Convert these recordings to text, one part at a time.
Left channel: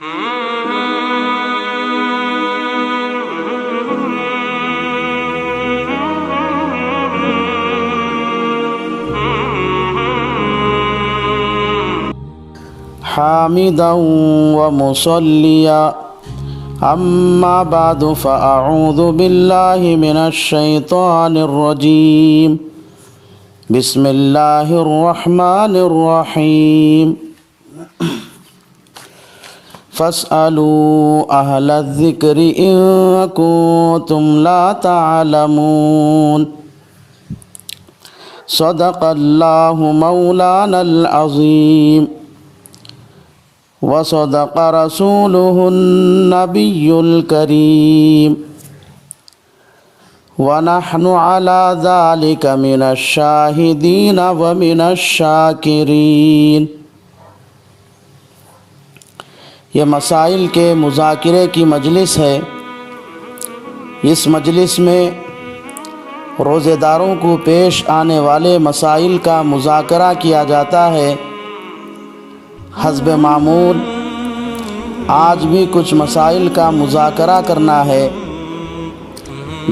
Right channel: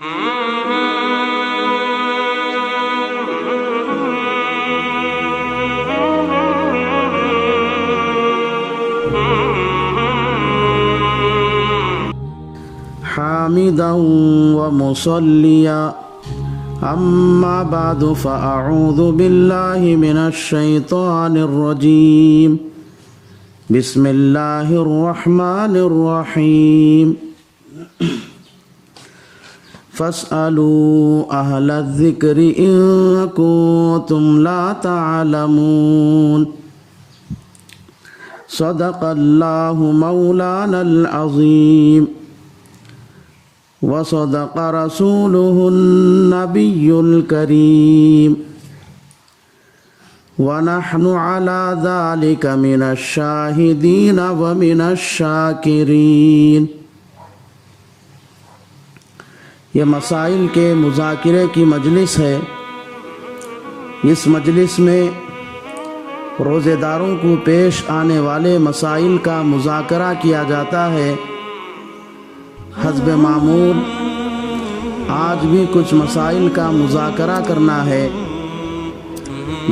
حامدا ومصليا أما بعد فأعوذ بالله من الشيطان الرجيم بسم الله الرحمن الرحيم فاسألوا أهل الذكر إن كنتم لا تعلمون صدق الله مولانا العظيم وصدق رسوله النبي الكريم ونحن على ذلك من الشاهدين ومن الشاكرين۔ یہ مسائل کے مذاکرے کی مجلس ہے۔ اس مجلس میں روزے داروں کو پیش آنے والے مسائل کا مذاکرہ کیا جاتا ہے۔ حسب معمول آج بھی کچھ مسائل کا مذاکرہ کرنا ہے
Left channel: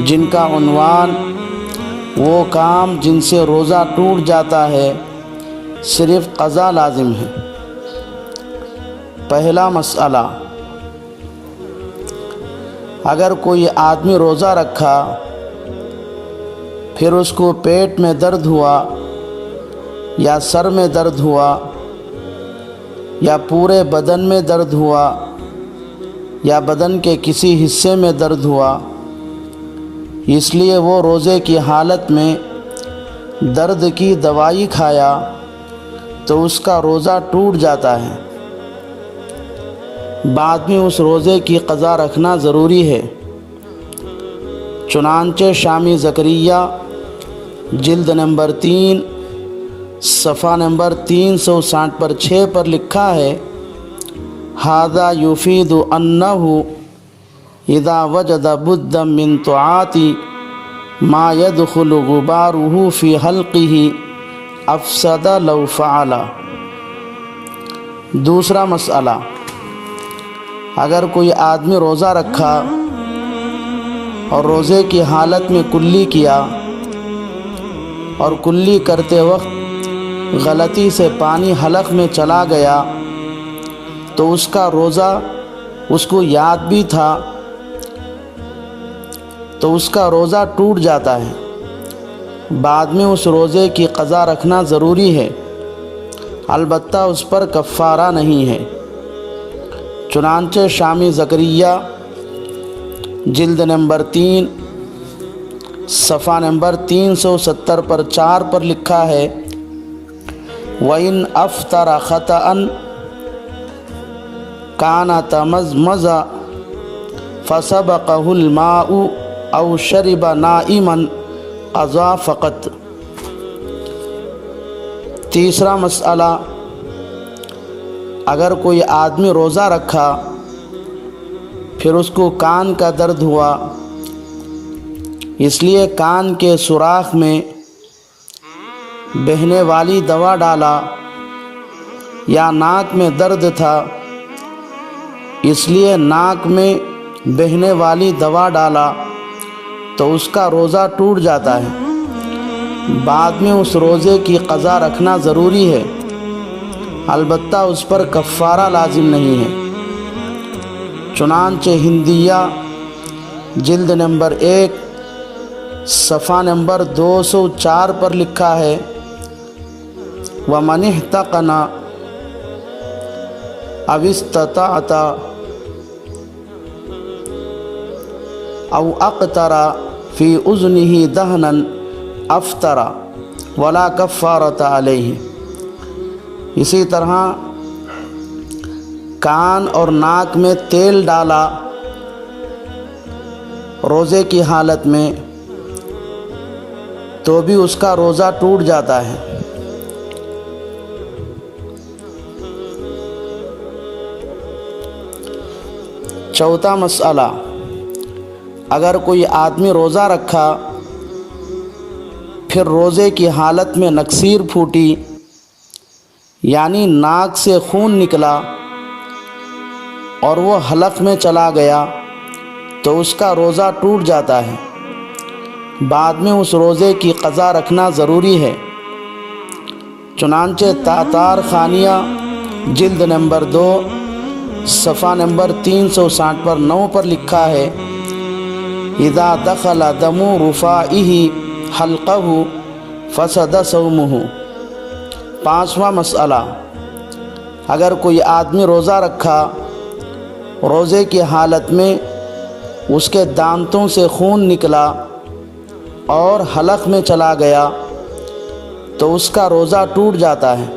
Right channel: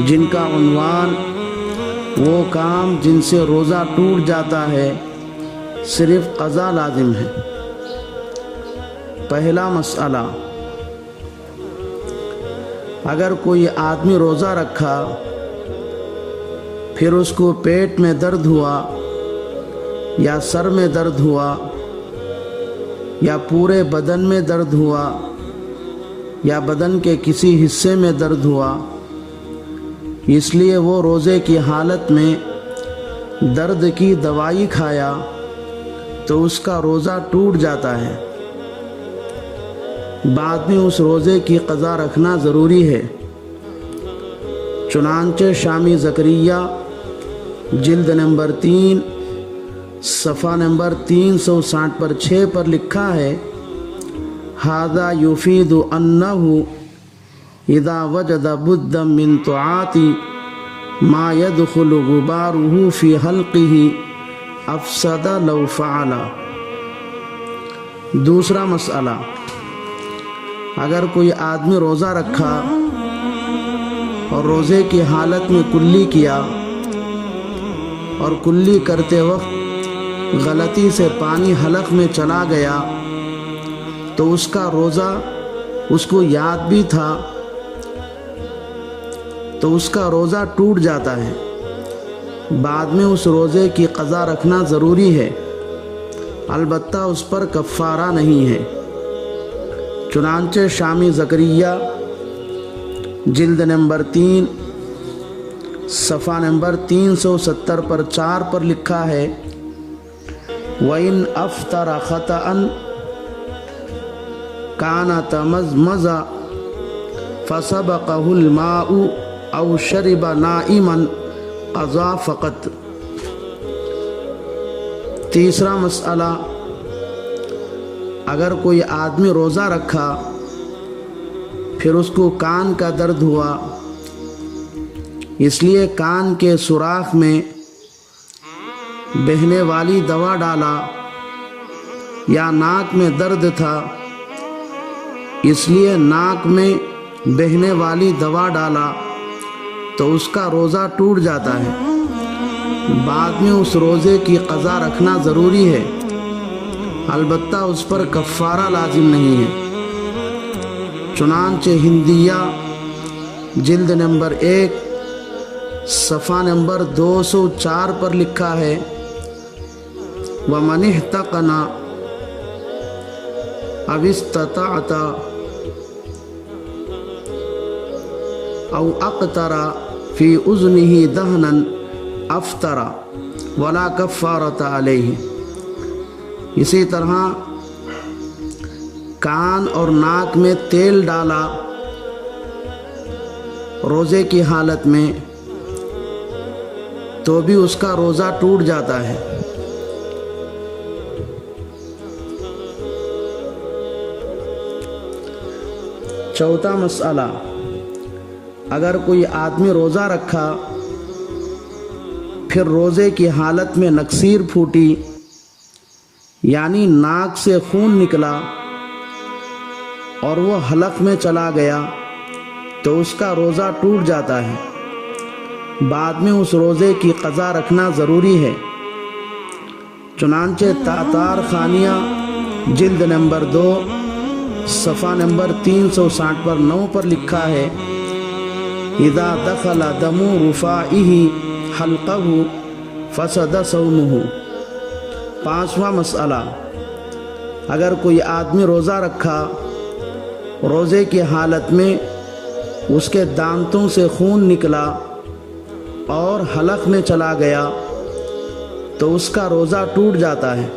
جن کا عنوان وہ کام جن سے روزہ ٹوٹ جاتا ہے صرف قضا لازم ہے۔ پہلا مسئلہ، اگر کوئی آدمی روزہ رکھا پھر اس کو پیٹ میں درد ہوا یا سر میں درد ہوا یا پورے بدن میں درد ہوا یا بدن کے کسی حصے میں درد ہوا، اس لیے وہ روزے کی حالت میں درد کی دوائی کھایا تو اس کا روزہ ٹوٹ جاتا ہے۔ بعد میں اس روزے کی قضا رکھنا ضروری ہے۔ چنانچہ شامی زکریا جلد نمبر 3 صفحہ نمبر 360 پر 6 پر لکھا ہے، ھذا یفید انہ اذا وجد بدا من طاعت ما يدخل غباره في حلقه افسد لو فعل۔ دوسرا مسئلہ، اگر کوئی آدمی روزہ رکھا اور روزے کی حالت میں کلی کیا اور کلی کرتے وقت غلطی سے پانی حلق میں چلا گیا تو اس کا روزہ اس کو یاد بھی تھا تو اس کا روزہ ٹوٹ جاتا ہے۔ بعد میں اس روزے کی قضا رکھنا ضروری ہے، البتہ اس پر کفارہ نہیں ہے۔ چنانچہ شامی زکریا جلد نمبر 3 صفحہ نمبر 370 پر 4 پر لکھا ہے، وَإِنْ أَفْطَرَ خَطَأً كَانَ تَمَزْمَزَ فَسَبَقَهُ الْمَاءُ أَوْ شَرِبَ نَائِمًا قَضَى فقط۔ تیسرا مسئلہ، اگر کوئی آدمی روزہ رکھا پھر اس کو کان کا درد ہوا، اس لیے کان کے سوراخ میں بہنے والی دوا ڈالا، یا ناک میں درد تھا اس لیے ناک میں بہنے والی دوا ڈالا تو اس کا روزہ ٹوٹ جاتا ہے۔ بعد میں اس روزے کی قضا رکھنا ضروری ہے، البتہ اس پر کفارہ لازم نہیں ہے۔ چنانچہ ہندیہ جلد نمبر 1 صفحہ نمبر 204 پر لکھا ہے، وَمَنِ احْتَقَنَ أَوِ اسْتَطَعَتَ أَوْ أَقْتَرَ فِي أُذُنِهِ دَهْنًا أَفْطَرَ وَلَا كَفَّارَةَ عَلَيْهِ۔ اسی طرح کان اور ناک میں تیل ڈالا روزے کی حالت میں تو بھی اس کا روزہ ٹوٹ جاتا ہے۔ چوتھا مسئلہ، اگر کوئی آدمی روزہ رکھا پھر روزے کی حالت میں نکسیر پھوٹی یعنی ناک سے خون نکلا اور وہ حلق میں چلا گیا تو اس کا روزہ ٹوٹ جاتا ہے، بعد میں اس روزے کی قضا رکھنا ضروری ہے۔ چنانچہ تاتار خانیہ جلد نمبر 2 صفحہ نمبر 360 پر 9 پر لکھا ہے، اذا دخل دم رفائہ حلقہ فسد صومہ۔ 5واں مسئلہ، اگر کوئی آدمی روزہ رکھا، روزے کی حالت میں اس کے دانتوں سے خون نکلا اور حلق میں چلا گیا تو اس کا روزہ ٹوٹ جاتا ہے،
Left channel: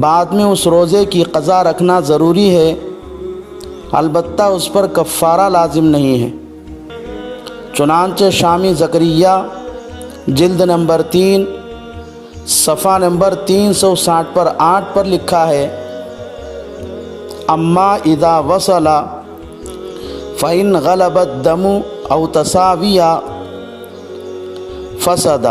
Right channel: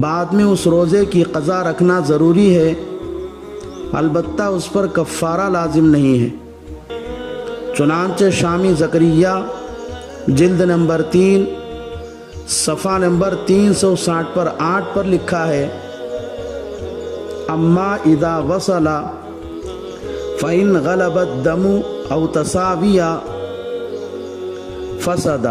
بعد میں اس روزے کی قضا رکھنا ضروری ہے، البتہ اس پر کفارہ لازم نہیں ہے۔ چنانچہ شامی زکریہ جلد نمبر 3 صفحہ نمبر 360 پر 8 پر لکھا ہے، اما اذا وصل فإن غلب الدم او تساوی فسد۔